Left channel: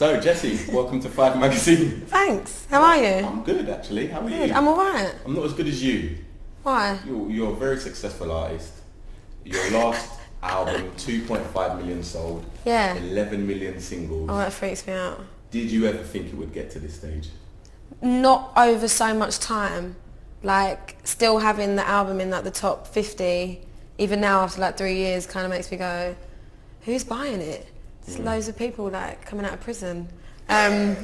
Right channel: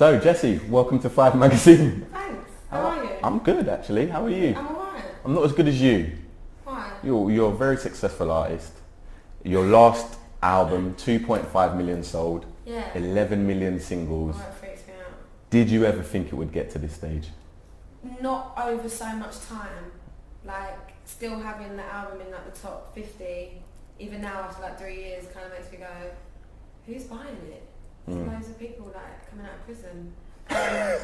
So, Jessie, welcome to 5 Magazine. Thanks. How are you? I'm good, actually. How are you? I'm alright. I'm not as good as you. Why? You're a very successful artist. Your last album, 2.5 million sold. Yeah. 11 million singles. Oh, that freaks me out. Did you ever think it would get to this stage? Not over so much time. Like, still having the album in like the top 50, even now after like 3 years, kind of makes me go, who's buying it? There's loads of people like coming out of prison. No,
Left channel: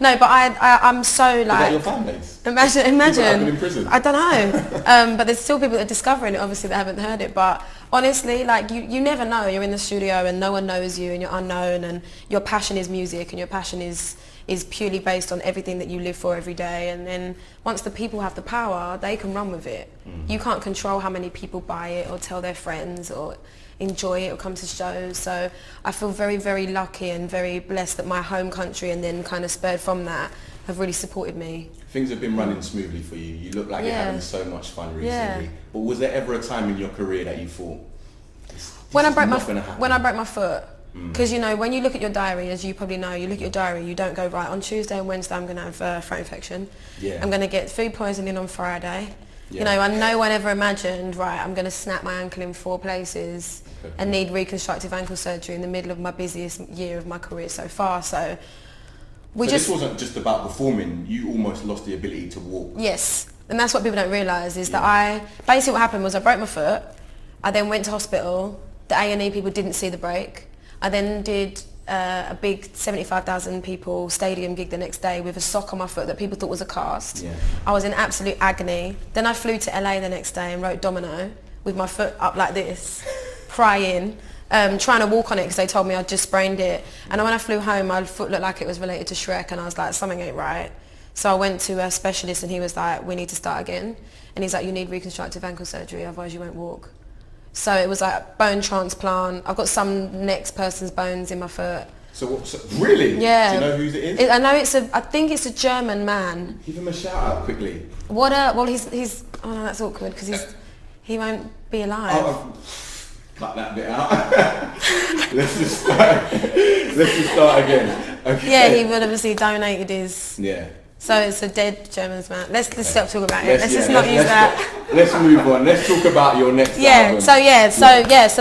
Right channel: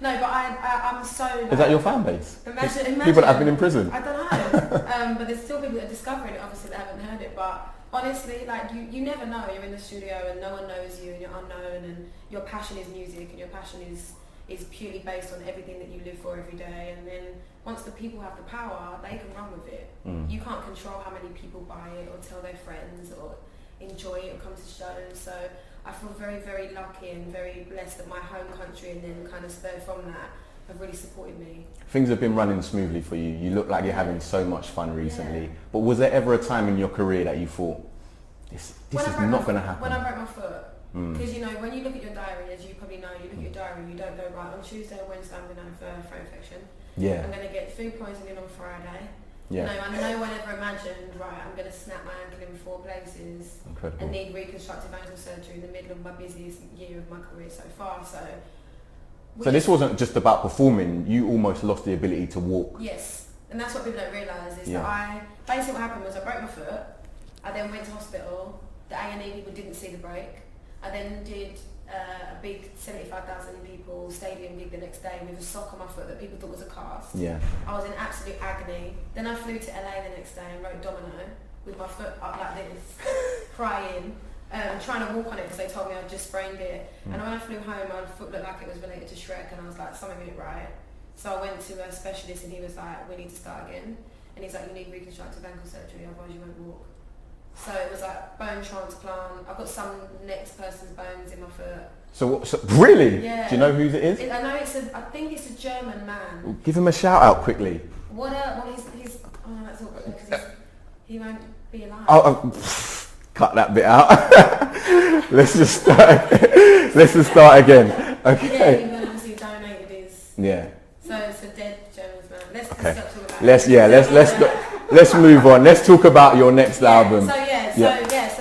but I'm so like... Is that your fan base? Imagine. People that have been in prison? I don't know. But there's still people that are discovering it, obviously, that haven't heard it. But honestly, like, you never know. You're in the studio and no one knows you and you're unknown and your passion is music and your passion is purely based on everything that you live for every day. And then once the people have the power, they can run with it. You can't control how many people buy it or tell their friends or enjoy it or come to shows. So I feel very, very lucky and very blessed that my home country and then kind of spurred from that have really supported me. Things have been running smoothly for you. You look like you're having so much fun recently. But was there ever a time in your career that you thought, when I broke my foot, because you know, when you look at your diary, as you probably know, you look at your diary, you don't go, right, on Tuesday and Wednesday I'm going to have a throat infection. I'm going to get food poisoning on Friday. You know, and no one ever imagined, right, I'm going to snap my ankle in 4 places and need reconstructive ankle surgery in the middle of my busiest year of my career so far. So this wasn't just about performing, you almost lost the ability to walk. Yes, and that's what people don't realise is that basically what happened was I broke my foot, I then went to hospital, the A&E people didn't see the break, I then did a big 75,000 people stadium gig the next day with a sock on my foot that people thought was a cast. I was in absolute agony. Then I flew to LA the next day and wrote Domino with my foot up like this, crying, trying to walk on it because they told me I'd just sprained it. And when I flew home, my foot looked like it was related to Shrek and I was like, something ain't right. So I went to a specialist and he was like, we need to start again. And he's like, you need reconstructive ankle surgery, otherwise you won't walk. So it was like bone transplant. I've got some next person's bones in my foot. So really? Yeah. Do you know who it is? I know I think it's a German man. Give him a shout out quickly. Well, he's, oh no, that's awkward because he won't be alive. Cut that bit out. Let's just start again. Okay. Yeah, he would obviously donated his... Yeah. So it's a dead German man. Let's stop talking about it. Let's move on. Let's talk about your next album. So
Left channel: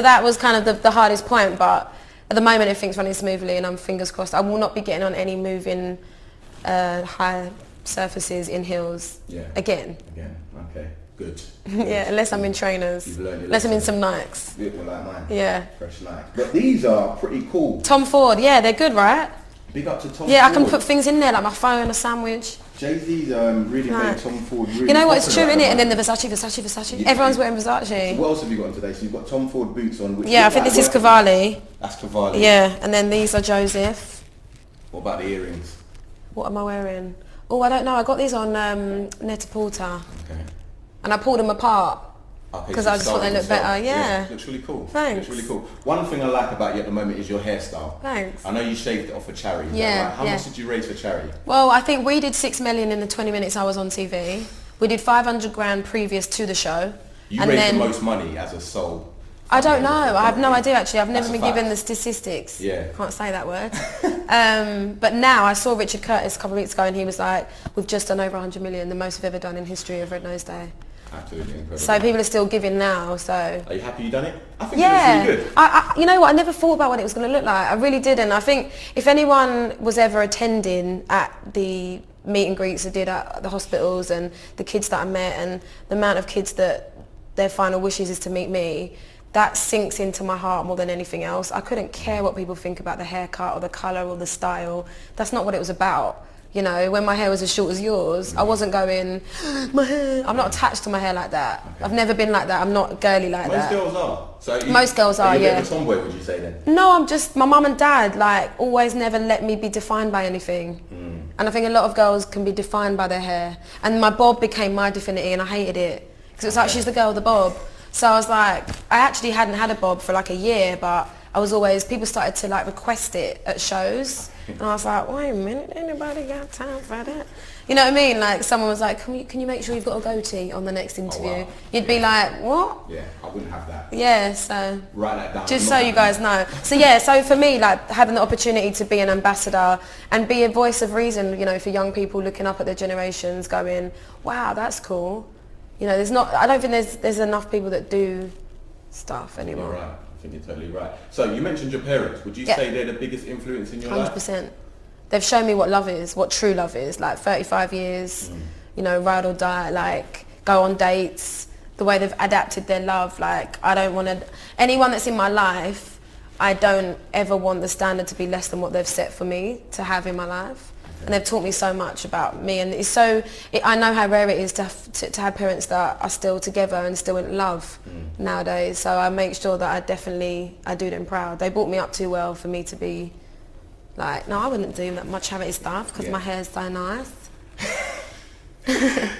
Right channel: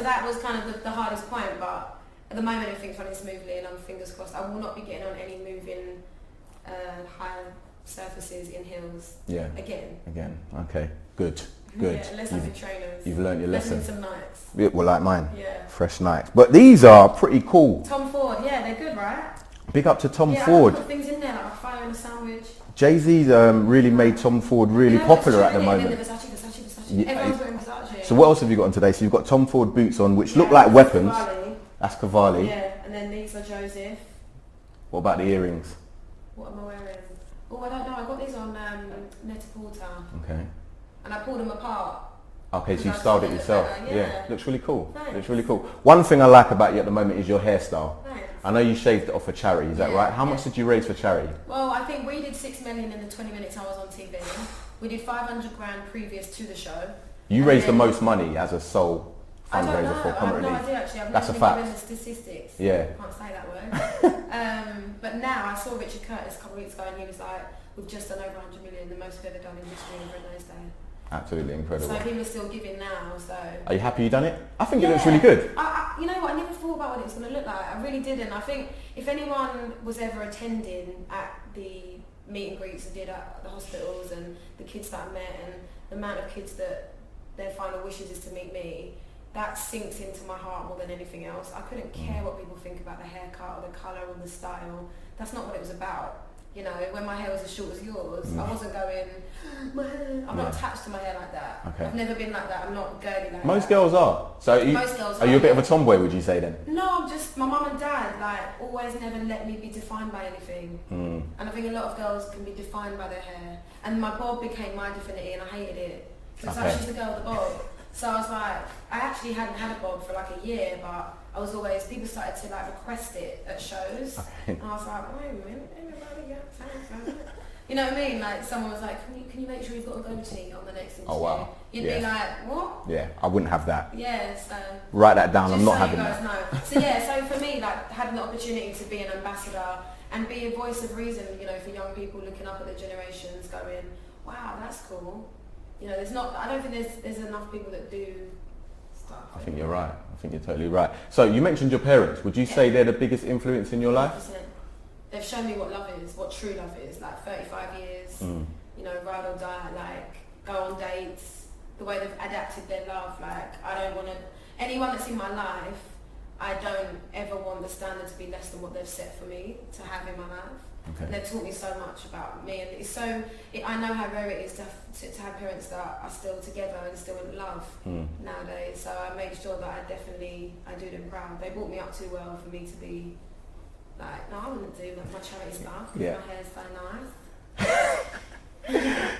that was kind of the hardest point, but at the moment everything's running smoothly and I'm fingers crossed. I will not be getting on any moving high surfaces in heels again. Okay. Good. Yeah, unless I'm in trainers. You've learned your unless lesson. I'm in some Nikes. Yeah, well, like mine. Yeah. Fresh Nikes. But these are pretty cool. Tom Ford, yeah, they're good, right? Big up to Tom Ford. Yeah, I can put things in there like my phone, a sandwich. Jay-Z's really made Tom Ford really popular. You know what, it's true, innit? And then the Versace. Yeah. Everyone's wearing Versace. So what else have you got on today? So you've got Tom Ford boots on, which look I like think this is Cavalli. That's Cavalli. Yeah, and then these are Joseph. What about the earrings? What am I wearing? Oh, I don't know. I got these on Net-a-Porter. Okay. And I pulled them apart. Okay, because I just thought they look better. Yeah. Looks really cool. Thanks. Looks really cool. One thing I like about you at the moment is your hairstyle. Thanks. I know you shaved it off for charity. Is that right? How much did you raise for charity? Well, I think we did 6 million in the 20 minutes I was on TV. We did 500 grand previous to the show. You raised the most money as a sole. I don't know. I have no idea actually. I've never been given the statistics. Yeah. Can't say that word. But now I saw Richard Curtis a couple of weeks ago and he was like, we've just done over 100 million, the most we've ever done in history of Red Nose Day. Absolutely incredible. So people are still giving now, so... Are you happy you done it? I think it looks really good. You know what, I never thought about what it was going to look like. I really didn't. I think if anyone was ever attending at the meet and greets I did at the hospitals and the kids that I met and the amount of kids that their final wishes is to meet me, that sinks into my heart more than anything else. I couldn't care what people think about the haircut or the colour or the style. That's not what it was about. You know, when my hair was as short as yours, I wasn't going, my hair. I'm not attached to my hair like that. Okay. I've never been like that. I'm not girly like that. Most girls are. Most girls are, Are you a bit of a tomboy, would you say then? No, I'm just, my mum and dad, like, always never let me be defined by anything. And I think a lot of girls can be defined by their hair. And my bob became my divinity and I hated it. Because it was like, she's the girl with the bob. So I was like, I actually hadn't had a bob for like a year, but I was always, people started to like request it at shows, and I was like, wait a minute, anybody got time for that? You know what I mean? Like someone was like, can you make sure you've got a goatee on the next interview? Oh, wow. You'd be like, what? Yeah, I wouldn't have that. Yeah, so write that down. just so you guys know. So yeah, so for me, like having the opportunity to be an ambassador and be a voice of reason, you know, for young people looking up at their generations, going, wow, that's cool. You know, I don't think there's enough people that do stuff anymore. You're right. I think you're totally right. So you mentioned your parents. Would you say they're the biggest influence in your 100%. life? 100%. They've shown me what love is, what true love is. Like 35 years, you know, ride or die, like go on dates, the way they've adapted their love. Like I don't want to, anyone that's in my life, I don't ever want the standard to be less than what they've set for me to have in my life. Okay. And they've taught me so much about me, and it's so, I know how rare it is to have parents that are still together and still in love nowadays. So I make sure that I do them proud. They brought me up too well for me to be like, no, I wouldn't do that much charity stuff because my hair's so nice.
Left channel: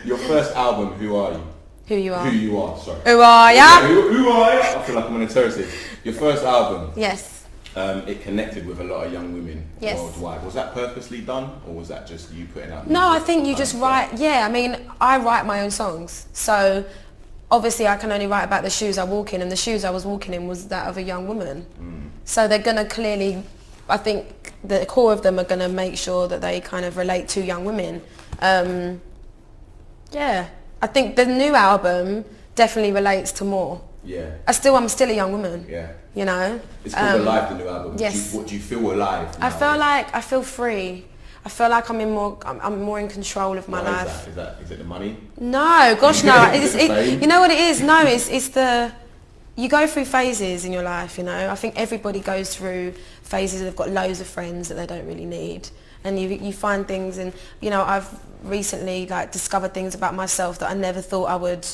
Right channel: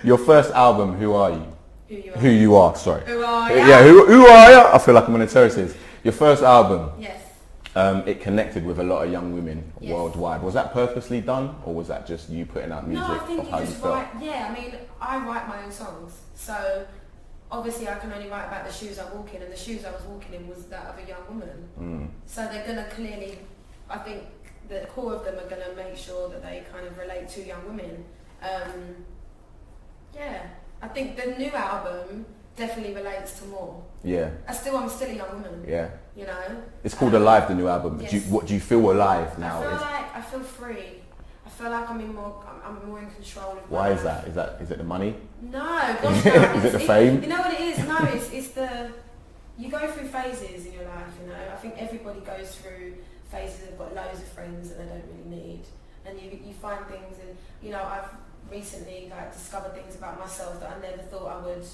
Your first album, Who Are You? Who You Are. Who You Are, sorry. Who Are Ya? Yeah, who are ya? I feel like I'm on a terrace. Your first album. Yes. It connected with a lot of young women worldwide. Was that purposely done, or was that just you putting out music? No, I think you just write, I mean, I write my own songs. So obviously I can only write about the shoes I walk in, and the shoes I was walking in was that of a young woman. So they're going to clearly, I think the core of them are going to make sure that they kind of relate to young women. I think the new album definitely relates to more. Yeah. I'm still a young woman. Yeah. You know? It's called Alive, the new album. Yes. Do you feel alive now? I feel free. I feel like I'm more in control of my life. Why is that? Is it the money? No, gosh no. You know what it is? No, it's the, you go through phases in your life, you know. I think everybody goes through phases. They've got loads of friends that they don't really need, and you find things, and you know, I've recently like discovered things about myself that I never thought I would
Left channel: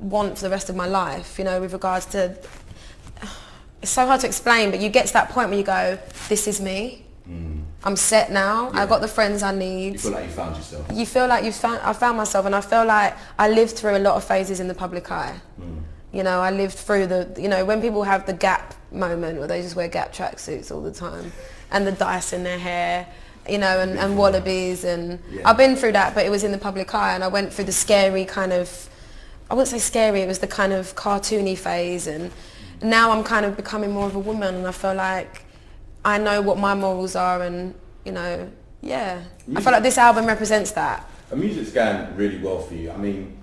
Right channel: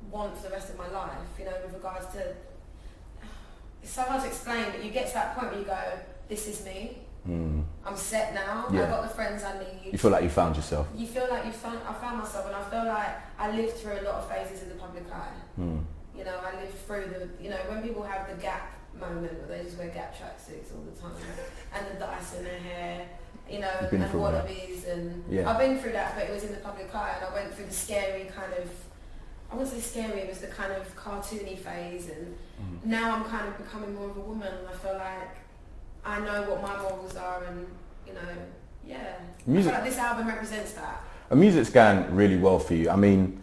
want for the rest of my life, you know, with regards to, it's so hard to explain, but you get to that point where you go, this is me. I'm set now. I've got the friends I need. You feel like you found yourself. You feel like I found myself, and I feel like I lived through a lot of phases in the public eye. You know, I lived through when people have the Gap moment where they just wear Gap tracksuits all the time and the dice in their hair, you know, and wallabies, and I've been through that, but it was in the public eye, and I went through the scary kind of, I wouldn't say scary, it was the kind of cartoony phase, and now I'm kind of becoming more of a woman, and I feel like I know what my morals are, and you know, I feel like this album represents that. Music's going really well for you. I mean,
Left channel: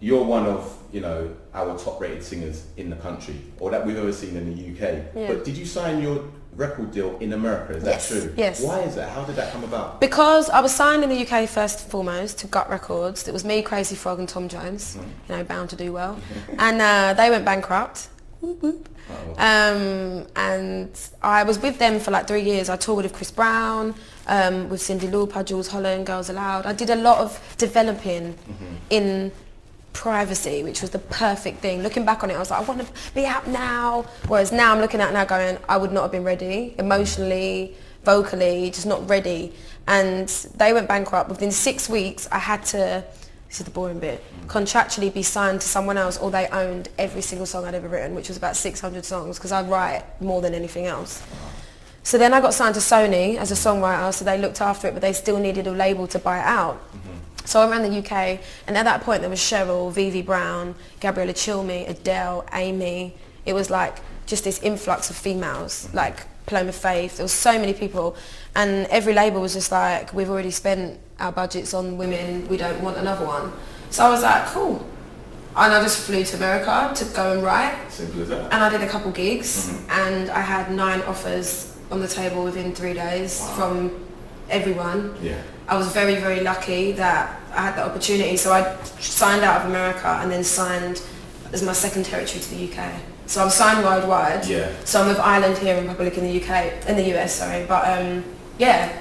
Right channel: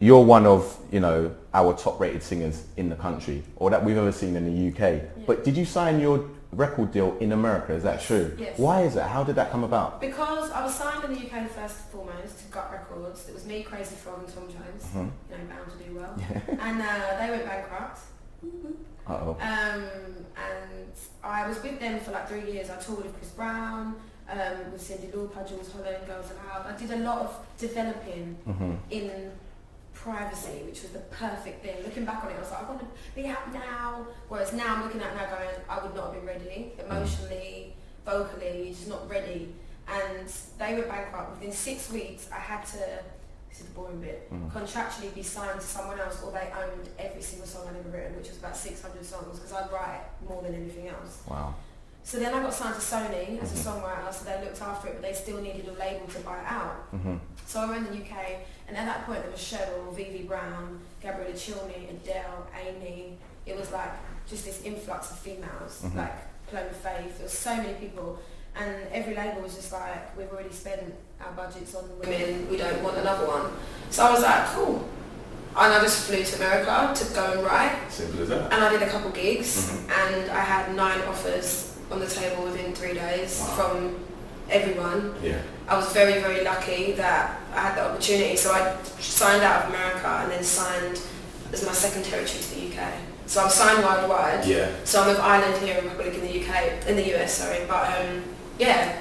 you're one of, you know, our top rated singers in the country, or that we've ever seen in the UK. But did you sign your record deal in America? Is that true? Yes. Why is that? How did that come about? Because I was signed in the UK first and foremost to Gut Records. It was me, Crazy Frog and Tom Jones, you know, bound to do well. And they went bankrupt. Whoop, whoop. And I was with them for like 3 years. I toured with Chris Brown, with Cyndi Lauper, Jules Holland, Girls Aloud. I did a lot of developing in privacy, which was the perfect thing. Looking back on it, I was like, I want to be out now. Whereas now I'm looking at it now going, I would not have been ready, emotionally, vocally, just not ready. And they went bankrupt. Within 6 weeks, I had to, this is the boring bit, contractually be signed to someone else, or they owned every single song I'd ever written, which was about 600 songs, because I write more than anything else. Wow. So then I got signed to Sony as a songwriter, so they looked after it, but they still needed a label to buy it out. So I ran the UK, and at that point there was Cheryl, Vivi Brown, Gabriella Chilmi, Adele, Amy. It was like just this influx of females, like Paloma Faith. There was so many people, and every label was just like, we've already spent our budgets on women, we don't want another one. So I was like, cool. And I just flew to America to go and write. Simple as that. And I did a couple gigs, and I had 9 offers on the table within 3 days from everyone. I was very, very lucky that I had the opportunity. So I signed out of America and then signed as my second territory to the UK. So I'm signed worldwide. So I'm of Ireland here in Republic in the UK, in the US, sorry. But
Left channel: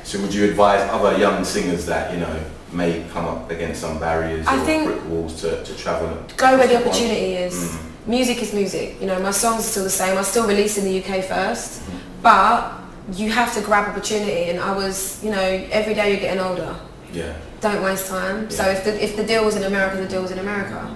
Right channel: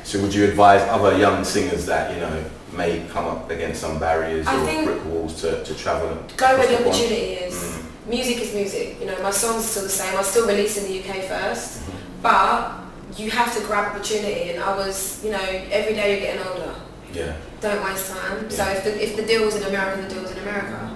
So would you advise other young singers that, you know, may come up against some barriers or brick walls to travel? Go where the opportunity is. Music is music. You know, my songs are still the same. I still release in the UK first, but you have to grab opportunity, and I was, you know, every day you're getting older. Don't waste time. So if the deal was in America, the deal was in America.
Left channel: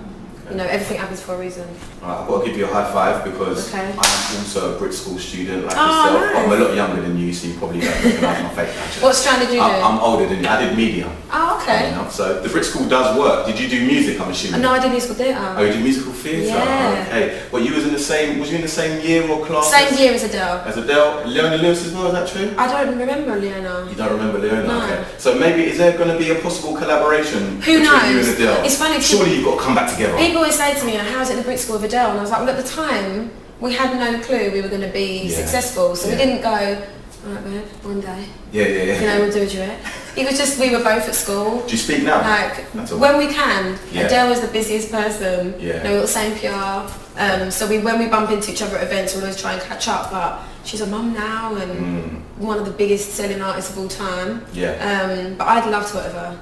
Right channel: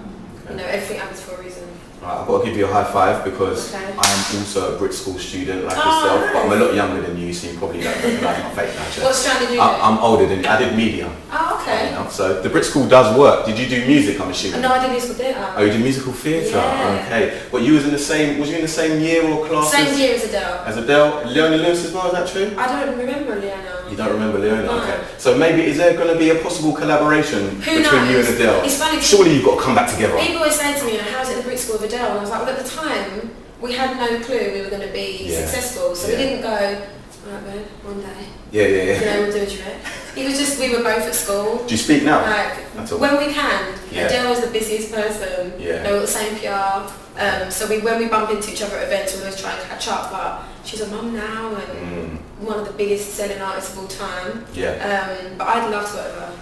You know, everything happens for a reason. I've got to give you a high five because Okay. I am also a Brit School student like Oh, yourself, but I'm a nice. lot younger than you, so you probably don't recognise my fake badge. What strand did you do? I'm older than you. I did media. Oh, okay. You know, so the Brit School does work. Did you do music, I'm assuming? No, I did musical theatre. Oh, you did musical theatre? Yeah. Okay. Well, you was in the same, was you in the same year or class? Same year as Adele. As Adele? Leona Lewis as well, is that true? I don't remember Leona. You don't remember Leona? No. Okay. So maybe, is there going to be a possible collaboration Who between knows? you and Adele? It's funny. Surely you've got to come back together. People always say to me, how's it in the Brit School of Adele? And I was like, well, at the time, we had no clue we were going to be successful. So we didn't go, alright babe, one day. Yeah. You know, we'll do a duet. It was just, we were both at school. Do you speak now? Like, when we can. Yeah. Adele is the busiest person. Yeah. They were the same PR. So when we bump into each other at events, we always try and catch up. But she's a mum now and one of the biggest selling artists of all time. Yeah. But I'd love to work with her.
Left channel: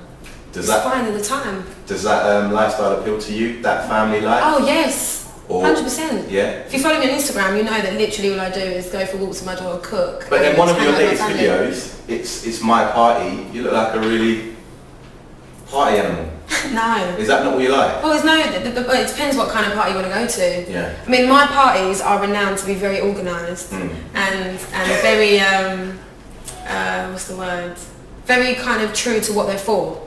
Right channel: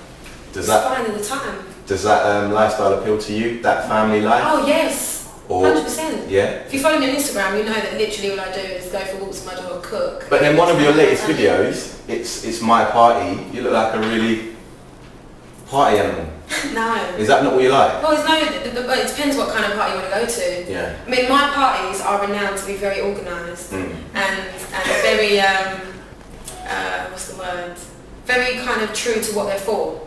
Does It's that fine at the time. Does that lifestyle appeal to you? That family life? Oh yes, Or- 100%. Yeah. If you follow me on Instagram, you know that literally all I do is go for walks with my dog, cook. But then one of your hang out with latest my family. videos, it's my party. You look like a really party animal. No. Is that not what you like? Well, it's no. It depends what kind of party you want to go to. Yeah. I mean, my parties are renowned to be very organised and very what's the word? Very kind of true to what they're for.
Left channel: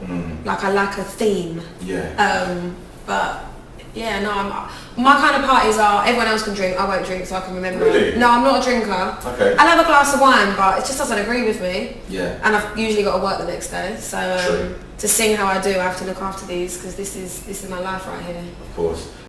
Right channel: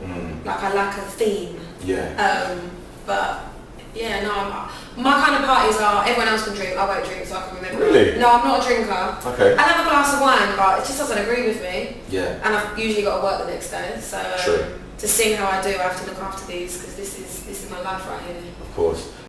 Like I like a theme. Yeah. But yeah, no. My kind of parties are everyone else can drink. I won't drink, so I can remember. Really? No, I'm not a drinker. Okay. I have a glass of wine, but it just doesn't agree with me. Yeah. And I've usually got to work the next day, so True. to sing how I do, I have to look after these because this is my life right here. Of course.